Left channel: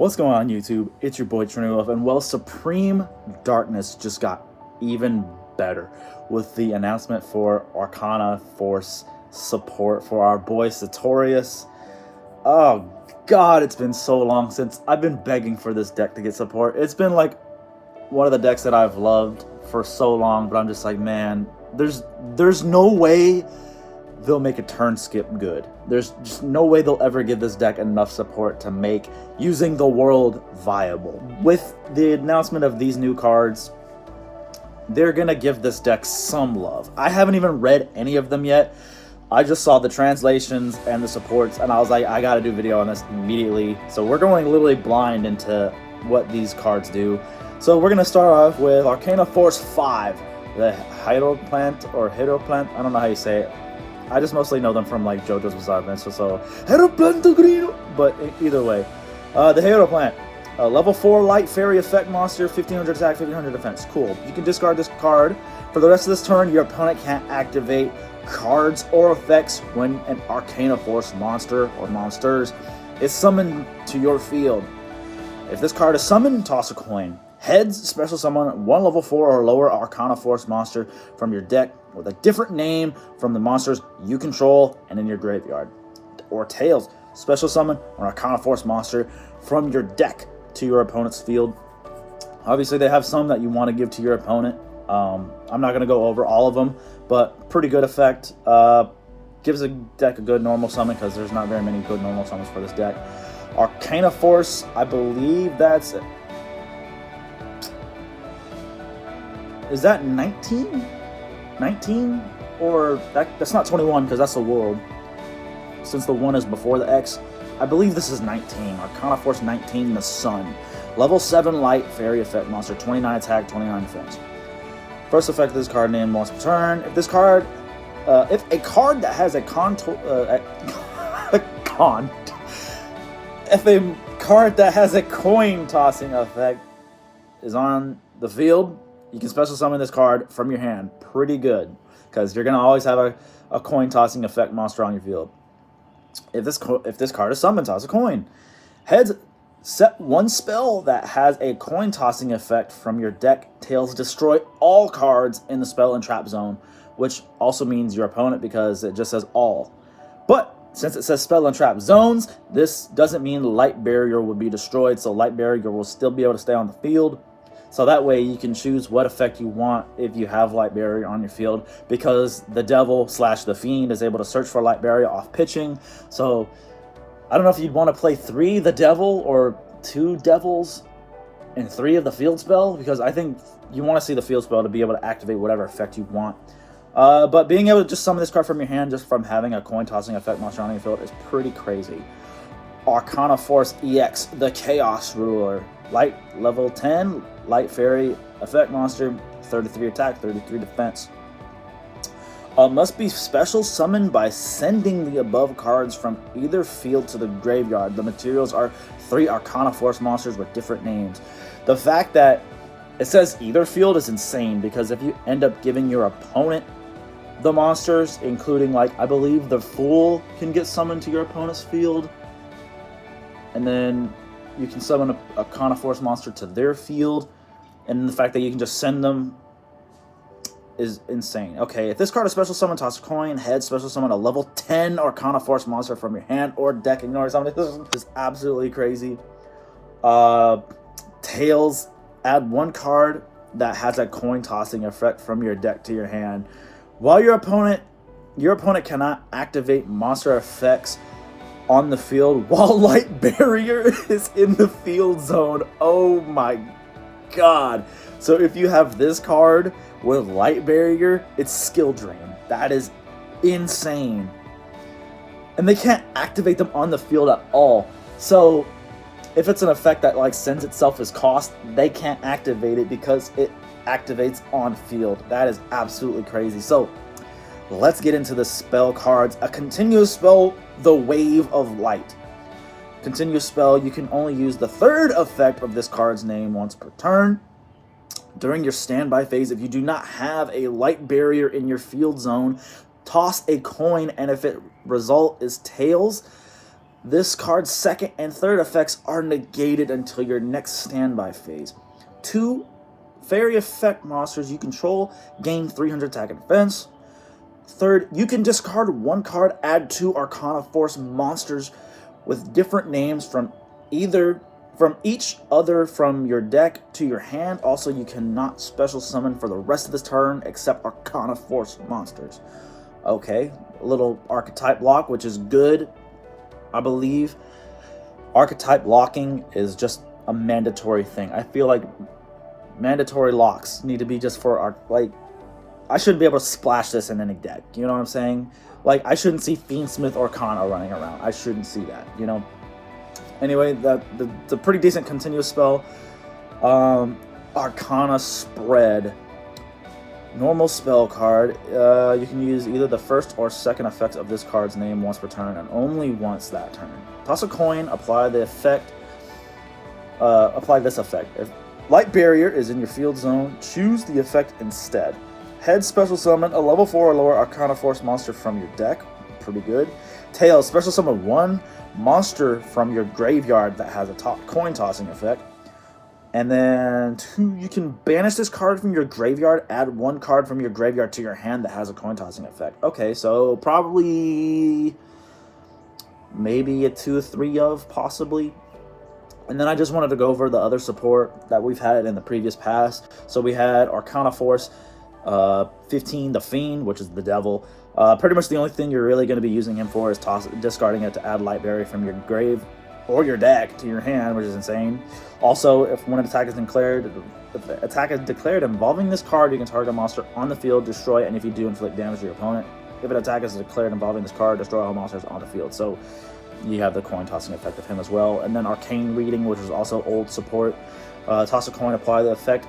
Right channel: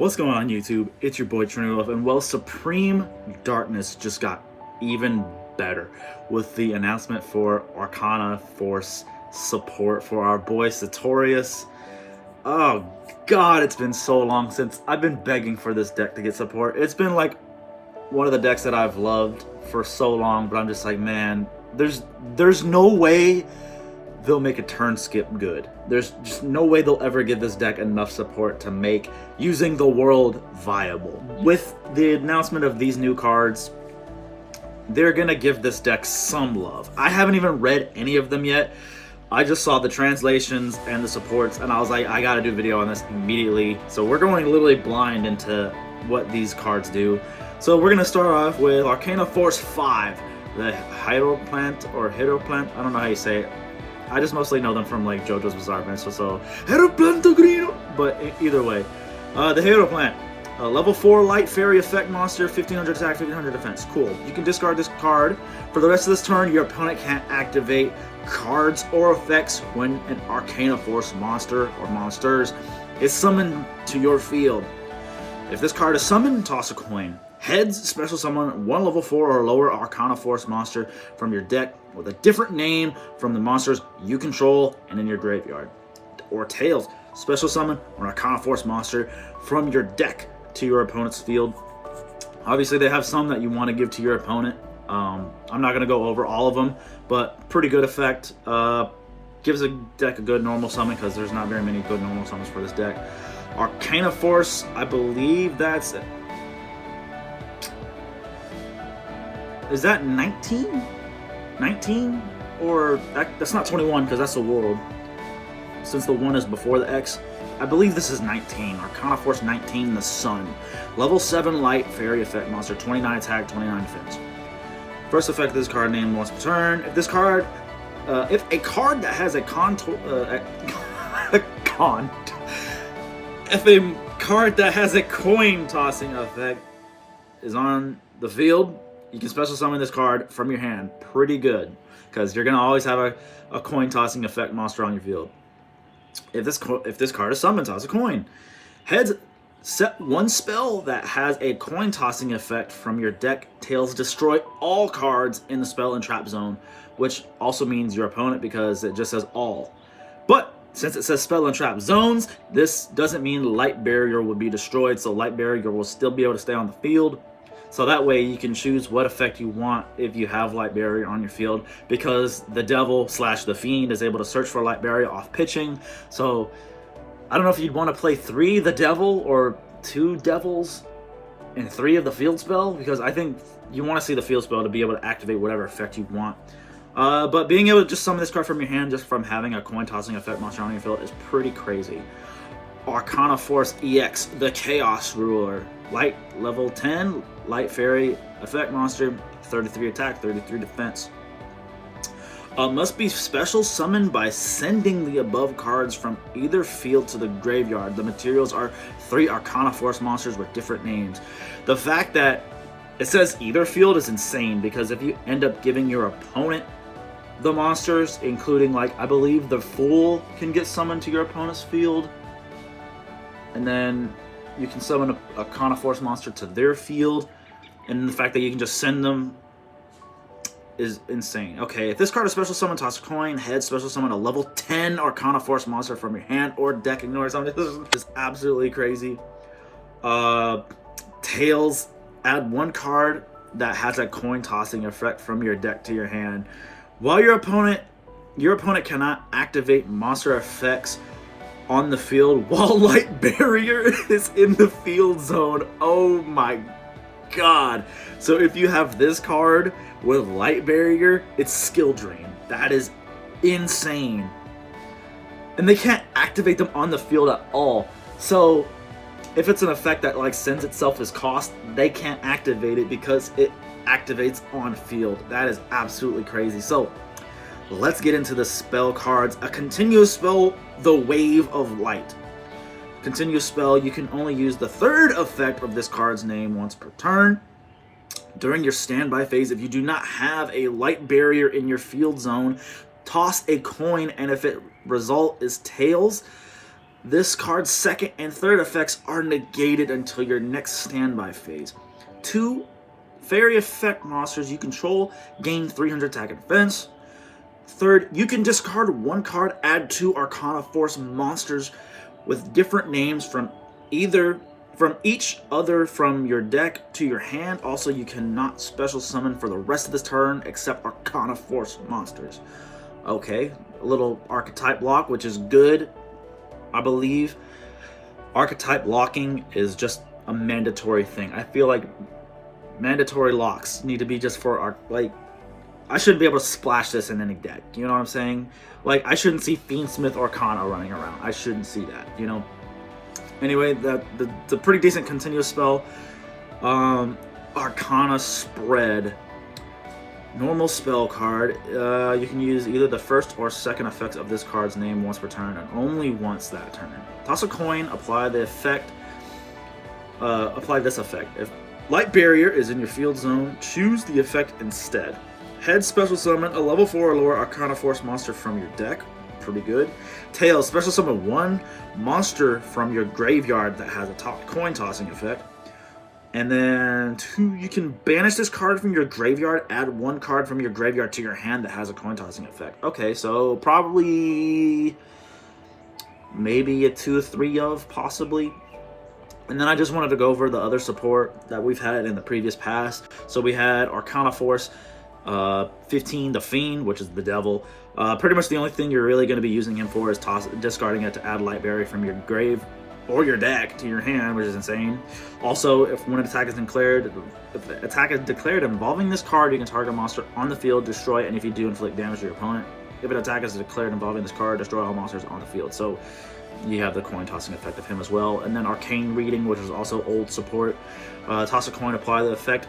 What's going on YouTube? It's your boy Trinity, and well, Supreme Darkness just got even better with the announcement for Arcana Force support for our boy Sartorius. Oh god, it's been so long since I've been begging for this deck to get support. It's been like one of the decks that I've loved for so long, but I'm just like, man, there's no way they'll make a turn skip good. There's just no way they'll ever give this deck enough support to make using the world viable. With the announcement of these new cards, they're gonna give this deck some love. I haven't even read any of them yet. I just saw the translations and the supports, and I was like, I gotta do a video on this immediately. So we're going literally blind into what these cards do. So we're gonna start off with Arcana Force V, the Hydroplant, I don't know how you say it. I just mostly know them from like JoJo's Bizarre Adventure, so Hydroplanto Grino. But either way, the Hydroplant, level 4 light fairy effect monster, 1500 attack, 1500 defense. Cool. You can discard this card. For the rest of this turn, your opponent can't activate cards or effects when an Arcana Force monster or monsters is summoned to your field. If this card is summoned, toss a coin. Heads, special summon one level 4 or lower Arcana Force monster from your deck with a different name from the monsters you control and in your graveyard. Or tails, special summon an Arcana Force monster from your deck to your opponent's field. Obviously, they have some that you want to give to your opponent. I'm not going to go over all of them, but pretty good effect. Gives a deck a good normal summon because there's not very many good normal summons for this deck. Arcana Force, I believe that's... Is that 19? 19? Or that's not 21 because that's the world. Since the 1 is before the X. I believe this is 19. Arcana Force 19, the Sun. Level 7 light fairy effect monster, 29 attack, 29 defense. First effect of this card named once per turn. If this card, if a card that has a if a card that has a coin tossing effect is on the field, you can special summon this card from your hand. Pretty good, because you're gonna always have a coin tossing effect monster on your field. If this card is summoned, toss a coin. Heads, set one spell that has a coin tossing effect from your deck. Tails, destroy all cards in the spell and trap zone, which also means your opponent because it just says all. But since it says spell and trap zones, this doesn't mean light barrier will be destroyed, so light barrier will still be able to stay on the field. So that way you can choose what effect you want if you have light barrier on your field, because the devil / the fiend is able to search for light barrier off pitching. So I don't know if you'd want to play 3 the devil or 2 devils and 3 of the field spell, because I think you want to see the field spell to be able to activate whatever effect you want. But being able to just summon this card from your hand just from having a coin tossing effect monster on your field is pretty crazy. Arcana Force EX, the Chaos Ruler. Light, level 10, light fairy effect monster, 33 attack, 33 defense. Must be special summoned by sending the above cards from either field to the graveyard. The materials are 3 Arcana Force monsters with different names. The fact that it says either field is insane, because if you end up giving your opponent the monsters, including, like, I believe the Fool can get summoned to your opponent's field, and then you can summon a Arcana Force monster to their field, and the fact that you can just send them is insane. Okay, if this card is special summon, toss a coin. Head, special summon a level 10 Arcana Force monster from your hand or deck. Ignore something. This is absolutely crazy. Tails, add 1 card that has a coin tossing effect from your deck to your hand. While your opponent cannot activate monster effects on the field while light barrier is in the field zone. Oh my god. So if you have this card with light barrier, it's skill drain. That is insane. And they can't activate them on the field at all. So if it's an effect that like sends itself as cost, they can't activate it because it activates on field. That is absolutely crazy. So let's get into the spell cards. A continuous spell, the Wave of Light. Continuous spell, you can only use the 3rd effect of this card's name once per turn. During your standby phase, if you do not have a light barrier in your field zone, toss a coin, and if it result is tails, This card's second and third effects are negated until your next standby phase. 2 fairy effect monsters you control gain 300 attack and defense. Third, you can discard 1 card, add 2 Arcana Force monsters with different names from each other from your deck to your hand. Also, you cannot special summon for the rest of this turn except Arcana Force monsters. Okay, a little archetype lock, which is good. I believe archetype locking is just a mandatory thing. I feel like mandatory locks need to be just for our, like, I shouldn't be able to splash this in any deck. You know what I'm saying? Like, I shouldn't see Fiendsmith Arcana running around. I shouldn't see that, you know? Anyway, that's a pretty decent continuous spell. Arcana Spread. Normal spell card. You can use either the first or second effects of this card's name once per turn, and only once that turn. Toss a coin, apply the effect. Apply this effect. If Light Barrier is in your field zone, choose the effect instead. Head, special summon a level 4 or lower Arcana Force monster from your deck. Pretty good. Tails, special summon 1 monster from your graveyard that has a coin tossing effect. And then 2, you can banish this card from your graveyard, add 1 card from your graveyard to your hand that has a coin tossing effect. Okay, so probably maybe a 2 or 3 of, possibly. And then I just wanted to go over the other support that we've had in the previous past. So we had Arcana Force 15, the Fiend, which is the devil. Pretty much the only thing you're really going to be using him for is discarding it to add Light Barrier from your grave or your deck to your hand, which is insane. Also, if an attack is declared involving this card, you can target a monster on the field, destroy it, and if you do, inflict damage to your opponent. If an attack is declared involving this card, destroy all monsters on the field. So you have the coin tossing effect of him as well. And then Arcane Reading, which is also old support. Toss a coin, apply the effect.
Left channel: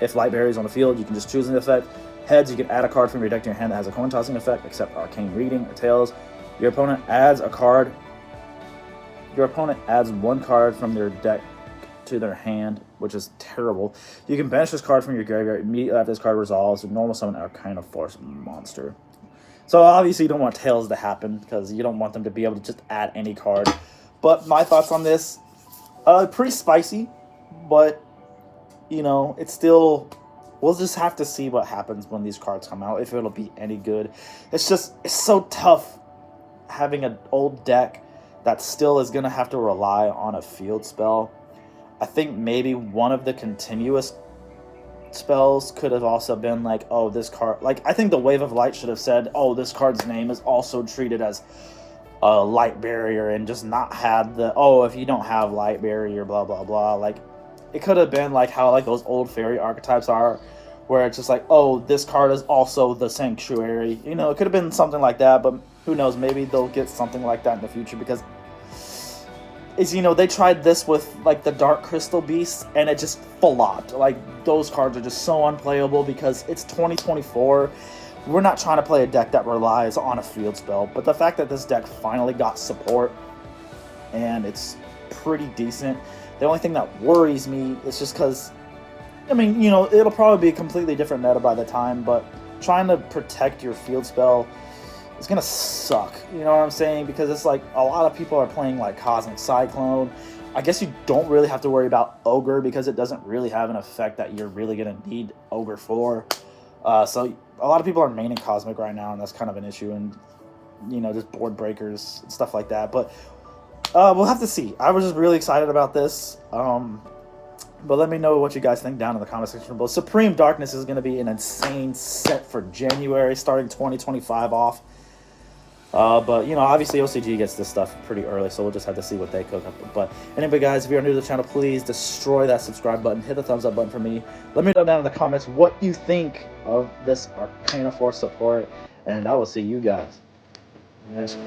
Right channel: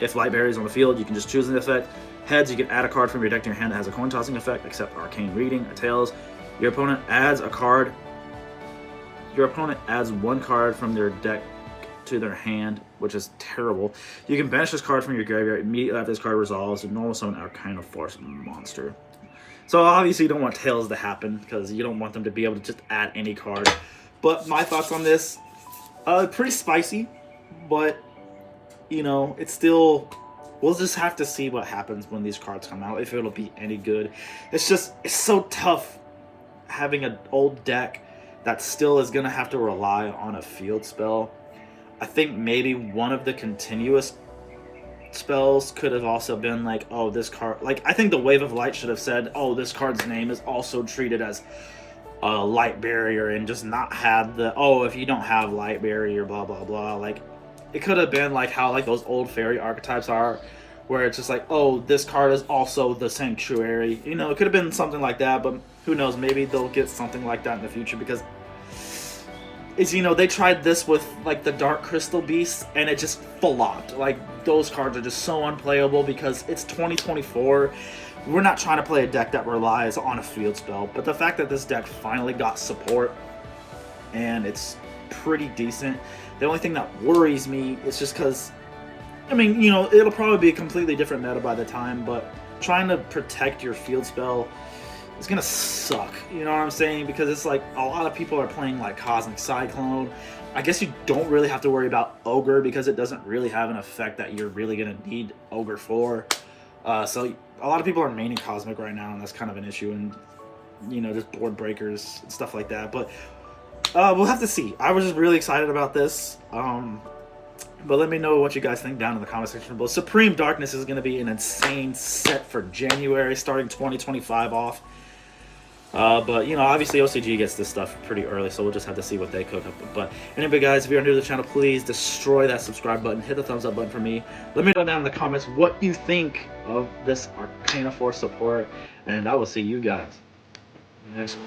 If Light Barrier is on the field, you can just choose the effect. Heads, you can add a card from your deck to your hand that has a coin tossing effect, except Arcane Reading. Or tails, your opponent adds a card. Your opponent adds 1 card from their deck to their hand, which is terrible. You can banish this card from your graveyard immediately after this card resolves, and normal summon Arcana Force monster. So obviously you don't want tails to happen, because you don't want them to be able to just add any card. But my thoughts on this, pretty spicy, but, you know, it's still, we'll just have to see what happens when these cards come out, if it'll be any good. It's so tough having an old deck that still is going to have to rely on a field spell. I think maybe one of the continuous spells could have also been like, oh, this card, like, I think the Wave of Light should have said, oh, this card's name is also treated as a Light Barrier, and just not had the, oh, if you don't have Light Barrier, blah, blah, blah. Like, it could have been like how, like, those old fairy archetypes are, where it's just like, oh, this card is also the Sanctuary. You know, it could have been something like that, but who knows, maybe they'll get something like that in the future, because you know, they tried this with like the Dark Crystal Beasts and it just flopped. Like, those cards are just so unplayable because it's 2024. We're not trying to play a deck that relies on a field spell, but the fact that this deck finally got support and it's pretty decent, the only thing that worries me is just because, I mean, you know, it'll probably be a completely different meta by the time, but trying to protect your field spell is gonna suck, you know what I'm saying? Because it's like a lot of people are playing like Cosmic Cyclone. I guess you don't really have to worry about Ogre because it doesn't really have an effect that you're really gonna need Ogre for. So a lot of people are maining Cosmic right now, and that's kind of an issue, and you know, just board breakers and stuff like that. But we'll have to see. I was just really excited about this. But let me know what you guys think down in the comment section below. Supreme Darkness is going to be an insane set for January, starting 2025 off. But, you know, obviously OCG gets this stuff pretty early, so we'll just have to see what they cook up. But anyway, guys, if you're new to the channel, please destroy that subscribe button. Hit the thumbs up button for me. Let me know down in the comments what you think of this Arcana Force support, and I will see you guys next one.